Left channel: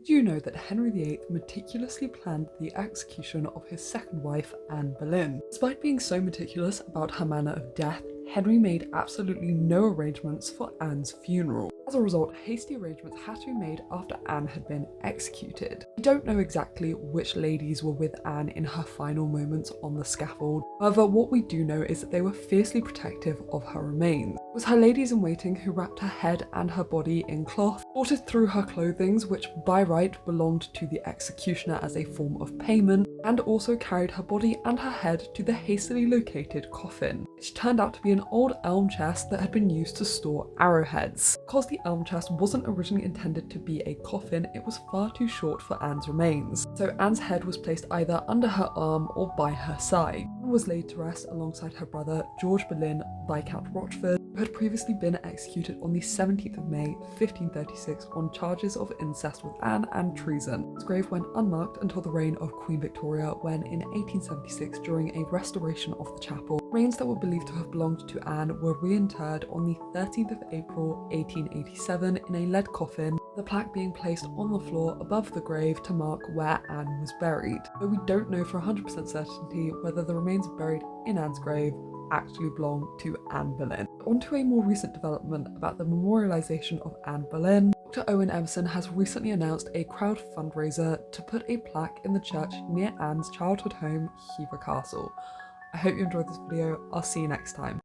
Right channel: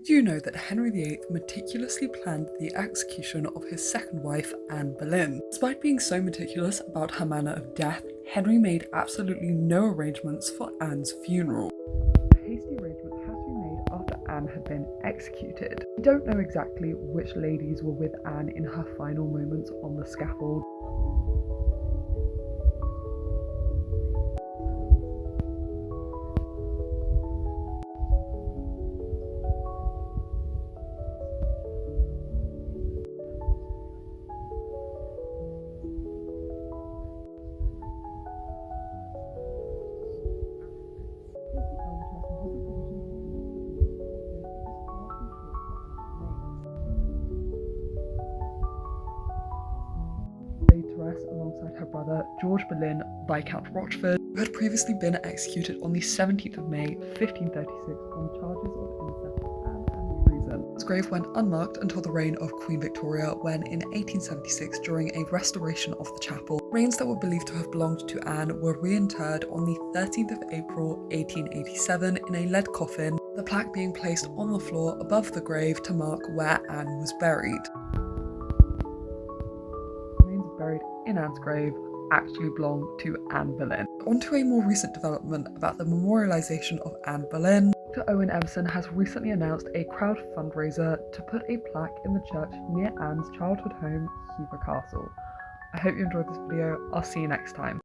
Did you know that Henry VIII meticulously planned the execution of his second wife, Anne Boleyn? Despite being so meticulous about her manner of death, Henry made absolutely no arrangements for Anne's funeral. As a result, hasty arrangements had to be made after Anne had been executed. We don't know exactly which ladies were with Anne in her final moments on the scaffold. However, what we do know is that they were fiercely protective of her remains. It was her ladies-in-waiting who wrapped her head and her body in cloth, sorted through her clothing, which by right belonged to the executioner as a form of payment, and also carried her body and her head to the hastily located coffin, which turned out to be an old elm chest that had been used to store arrowheads. Because the elm chest wasn't originally intended to be a coffin, it was far too short for Anne's remains, so Anne's head was placed either under her arm or by her side. Anne was laid to rest alongside her brother George Boleyn, Viscount Rochford, who had previously been executed on the 17th of May 1536 on charges of incest with Anne and treason. His grave went unmarked until the reign of Queen Victoria, when in 1876, during a restoration of the chapel, remains that were believed to have belonged to Anne were reinterred on the 13th of April 1887 in a lead coffin, the plaque being placed on the floor above the grave to mark where Anne was buried. But we don't know for 100% certainty whether the remains buried in Anne's grave actually belong to Anne Boleyn. On to a more recent development about the memorialisation of Anne Boleyn. Dr. Owen Emerson has recently announced a crowd fundraiser to put a plaque in the church near Anne's childhood home, Hever Castle. I hope you enjoyed this video. I'll see you next time.